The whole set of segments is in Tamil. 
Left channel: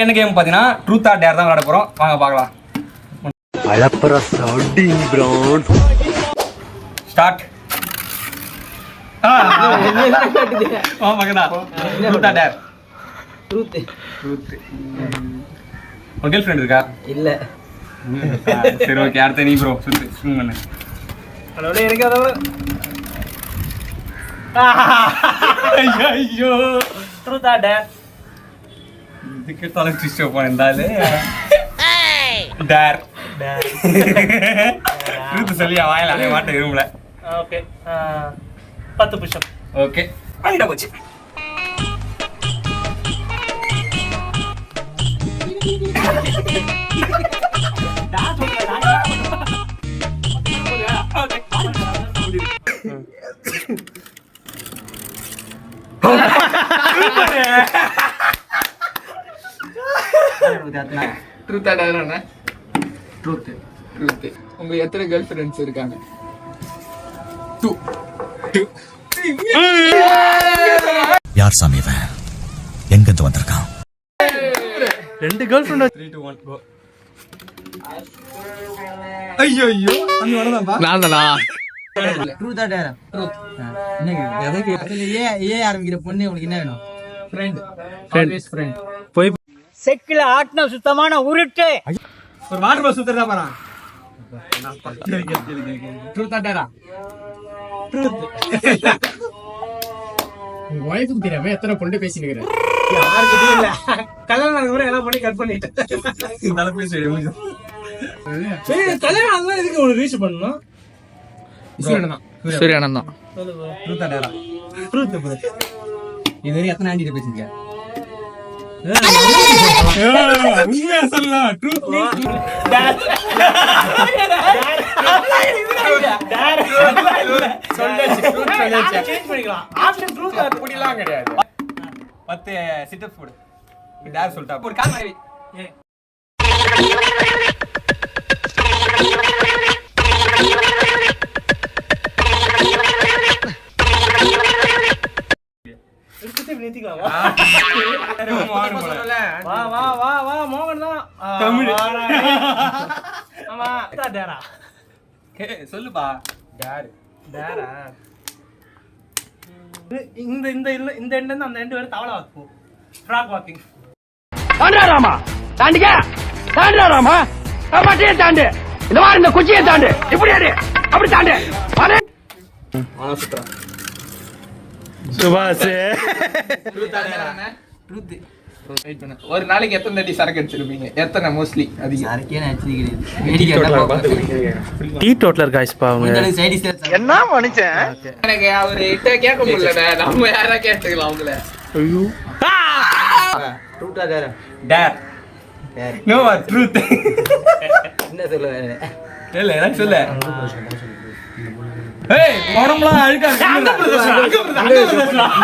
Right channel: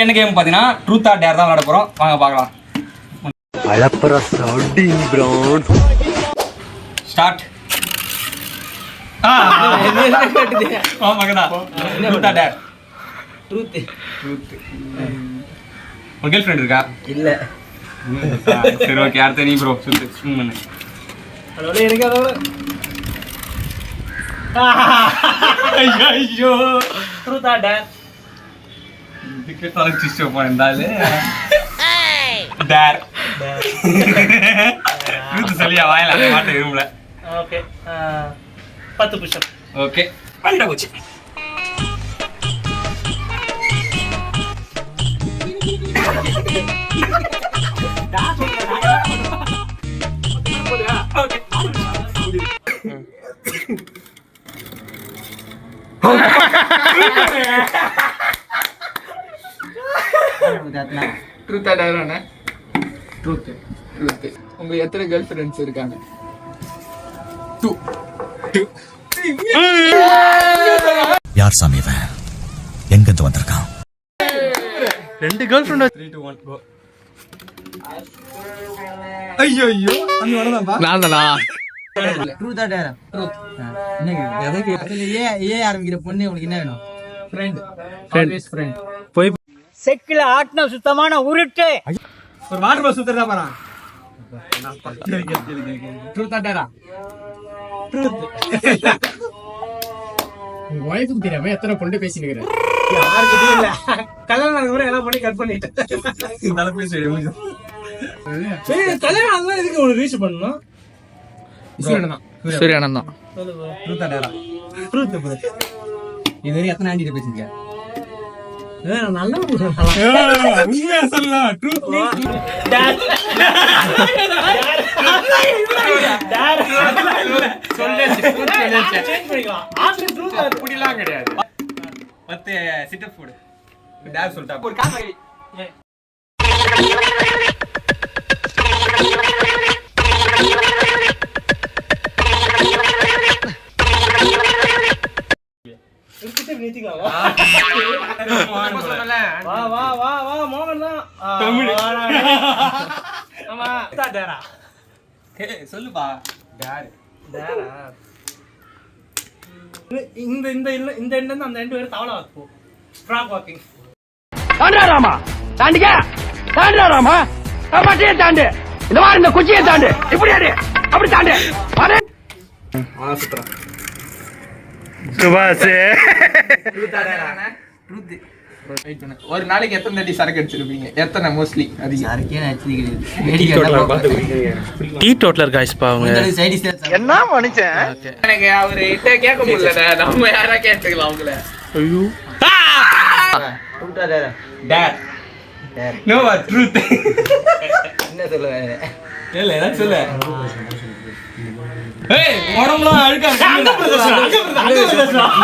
என்ன கேம் பாத்தீங்கன்னா ட்ரூத் ஆர் டேர் தான் விளையாட போறோம். வாங்க பார்க்கலாம். அலப்பற சவுண்டிங் ப்ரோன் ஸ்டார்ட். மகனா ட்ரூத் ஆர் டேர். ட்ரூத். உன் கேர்ள் ஃப்ரெண்ட் இருக்கா? இல்ல. சரி ஓகே, அடுத்து நீ ப்ரோ சுத்து ஸ்விம் பண்ணு. ஹலோ எனக்கு அதோட ஐயோ ட்ரூத் ஆர் டேர். இதுக்கு தலக்கு சிஸ்டம் போனதால டேர் ட்ரூத் சொல்லியா வாயில அந்த மாட்ட விரும்பல. ஓகே 10 புஷ்-அப். ஓகே பண்ணிட்ட போச்சு. ட்ரூத் ஆடாதானே? ட்ரூத். உங்களுக்கு எத்தனை கேர்ள் ஃப்ரெண்ட்ஸ் இருக்காங்க? 2. யார் சாமி இவன்? எங்க இருந்து வந்திருக்கான்? 2 கேர்ள் ஃப்ரெண்ட். 3 2 1 கோ. ஐயோ அந்த வரதாம்பா. நான்தானா? Truth or dare. ட்ரூத். என்னங்க எதுக்கு ஏ ஆரம்பிக்கிற பொண்ணு உங்களுக்கு என்ன வேணும்? ஃப்ரெண்ட். Always friend. போய் செக்கில ஆட்ன சுத்தமான உருட்டு. ஒரு வாட்டர் பால் சுத்தறதா பாறா. ட்ரூத் ஆடாரா? ட்ரூத். உங்க வைஃப்க்கு தெரியாம எத்தனை பொண்ணு பேசினுக்கிற? யாருக்கு இல்ல. கல்யாணம் கூட எல்லாம் பண்ணி கட் பண்ணிட்டேன். நல்ல பேசி முடிஞ்சு. சரி கல்யாணம் அதெல்லாம் எதுக்கு ஒரு ரீச் பண்ணனும்? சூரியன் தான். ட்ரூத் ஆர் டேரா? Truth bro. இதுவரை எத்தனை ஆண்டிட்ட பேசிருக்க? உண்மையா சொல்லலாம். Truth dare. சேஞ்ச் பண்ணிக்கலாம். ஆப்ஷன் ட்ரூத் ஆர் அப்படிலாம் கிடையாது. 10 சிட் அப் போடு. டேர் சொல்லிட்டா. ஒரு கால் எடுத்துட்டு நிறுத்திக்கலாம். வா வா வா வா மோகன் தான். தமிழ். ஆமா டேரா. சொல்லுப்பா. டேர். டேரா. இந்த இந்த இந்த எண்ட்ல இருந்து அந்த எண்ட் வரை தவளை வாக்கு. Frock walking. தாண்டாராமா தாண்டிக்க தாண்டாராமா மாட்டியே தாண்டு இந்த மாதிரி இந்த குச்சியை தாண்டு இப்படி அடி அப்படி தாண்டு சுபாஷ். ஒரு நாளைக்கு எத்தனை தட்டி சரக்கு அடிச்சிருப்பீங்க? எத்தனை மோஸ்ட்லி? அது யாருக்கே ஆக்சுவலி கிடையாது. டீ டோட்டலர் காய்ஸ் பாவங்க. என்ன மனுஷன் எனக்கு அவரு கேட்க முடியல. நம்ம யாரா கேட்டுக்கலாம் அவங்கள. ஐயோ ட்ரூத் ஆர் டேரா? டேர். No truth. என்ன சொல்லுங்க? இல்ல எனக்கு சொல்ல. ஏய் உடம்பலாம் அழுக்கா இருக்கு. இந்த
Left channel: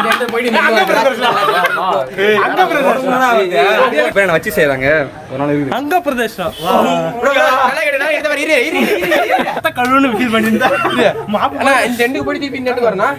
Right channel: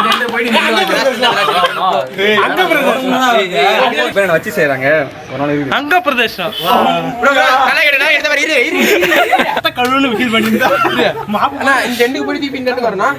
இடத்துல போயிட்டு பேன வச்சு செய்றாங்க. ஒரு நாள் இருக்கு. அங்க பிரதேசம் கழுவுன்னு ஃபீல் பண்ணிருந்தா. இந்த எண்டுக்கு போயிட்டு திருப்பி இந்த எண்டுக்கு வரணும்.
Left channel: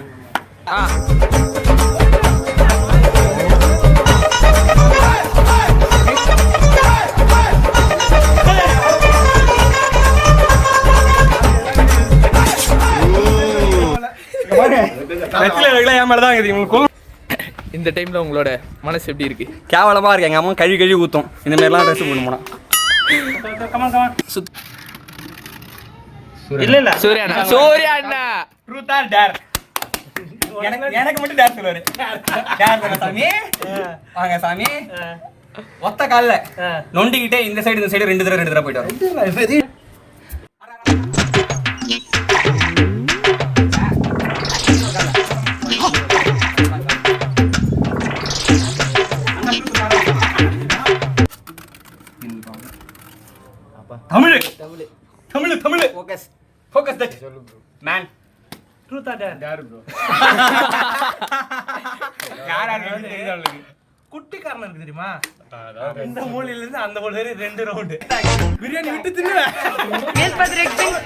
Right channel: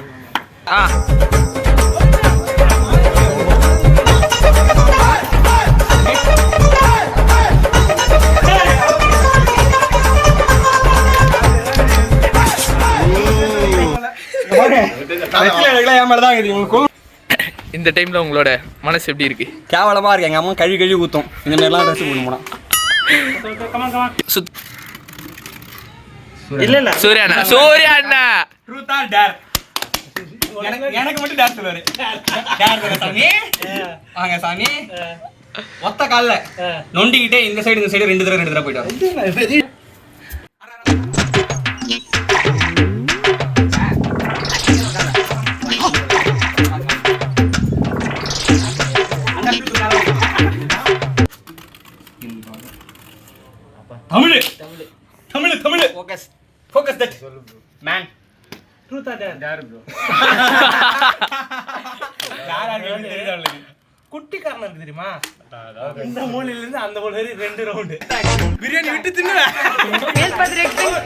இந்த டைம்ல உங்களோட மனசு எப்படி இருக்கு? கேவலமா இருக்கு. எங்க அம்மா கழுவி ஊத்தும். இந்த மாதிரி எல்லாம் ட்ரெஸ் போட போனா. இல்ல இல்ல சூர்யா ட்ரூத் ஆர் டேர்? எனக்கு மட்டும் டேர் சொல்லுவாரு. டேர் தான சாமி. வாங்க சாமி. ஒத்த கால்ல நொண்டிக்கிட்டே இந்த சைடு ரெண்டு தடவை போயிட்டு வரோம். Tamil focus that man. Truth or dare? Dare bro. யாரா தெரியுது? குட்டி காரணம் இருக்கு தெரியுமா? இந்த மூலையில இருந்து அந்த மூலை வரை 2 ரவுண்ட் பிரியாணி விட்டு தின்னுவா. மேல் பத்ரெக்டிங்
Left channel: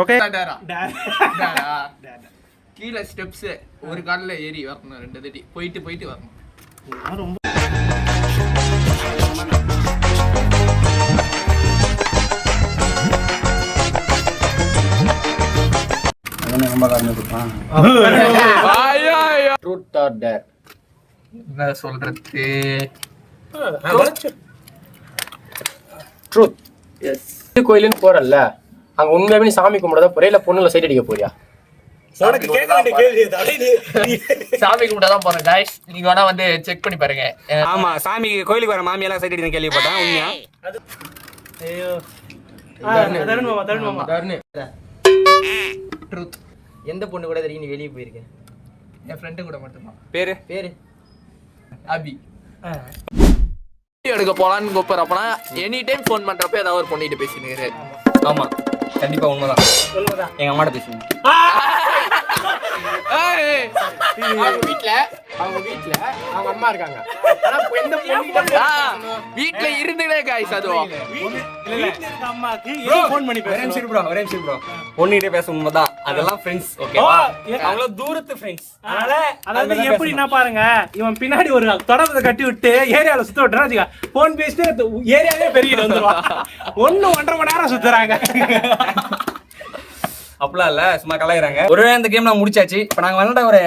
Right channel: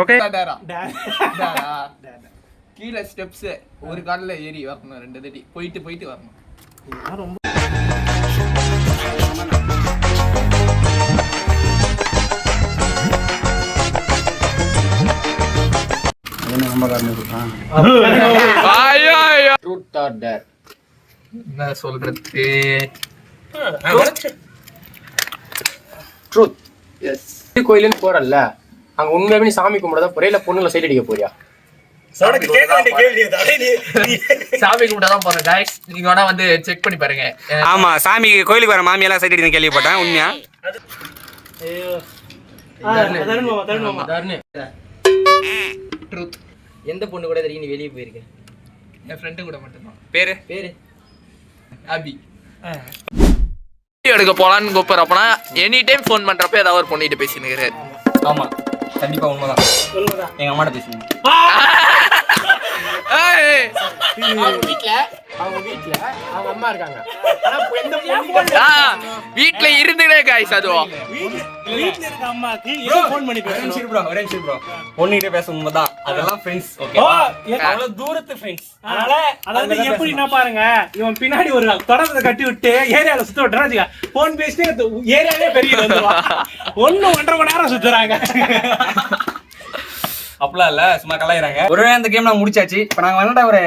ஓகே கீழே ஸ்டெப்ஸ் ஒரு கால்ல ஏறி வரணும் 2 தட்டி போயிட்டு வரணும். என்ன சொல்றது? ட்ரூத். கோயிலுன்னு போறல்ல, அங்க உண்மையாவே நீ சாமி கும்பிடதா போறியா இல்ல பொண்ணுல சைட் அடிக்க போறியா? சாமி கும்பிட தான் போறேன் guys. நீங்க வேணா வந்து செக் பண்ணி பாருங்க. ஆமா, சாமி கோயிலுக்கு வர மாமியெல்லாம் சைட் அடிக்க கேள்விப்பட்டேன். உண்மையா? ட்ரூத். எந்த பொண்ணு கூட தெரியும் நீ வெளியே போயிருக்க? என் ஃப்ரெண்டு கூட மட்டும்தான். பேரு அபி. எடுக்க போலான்னு கூப்பிடுறப்பனா எனி டைம் ஃபோன் பண்றப்ப ஏதாவது ஒரு பொண்ணிட்டு பேசினுக்கிறாரு. ஆமா, கண்டிப்பா உண்மைதான். எங்க அம்மாட்ட பேசுங்க. அவங்க அம்மா இருக்காங்க. வீட்டுல இருந்துடே காய்ஸ் அதுவும். பொண்ணுகிட்ட பேச உண்மைதான். அதெல்லாம் ஃப்ரெண்ட்ஸ். ஓகேவா? அவ்வளவு தூரத்து ஃப்ரெண்ட்ஸ். அதனால அதாவது எப்படி என்ன பாருங்க, இவன் பின்னாடி ஒரு தொடர்பை கட்டி விட்டு ஏரியால சுத்த விட்டுறாங்க. போன் பேசிட்டு ஏரியாவே பெரிய வந்துருவான். 1.5 மணி நேரம் சுத்துறாங்க. அப்படிலாம் இல்ல, சும்மா கலாயிறாங்க. ஒருவே இந்த கேம் நான் முடிச்சாச்சு. இப்ப நாங்க விளையாண்ட ஒரு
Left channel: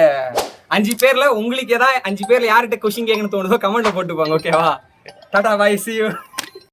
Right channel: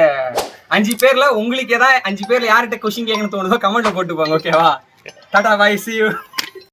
5 பேர்ல உங்களுக்கு ஏதாவது 5 பேர்ல யார்கிட்ட கொஸ்டின் கேட்கணும்னு தோணுதோ கமெண்ட்ல போட்டு போங்க. ஓகேவா? Tata, bye, see you.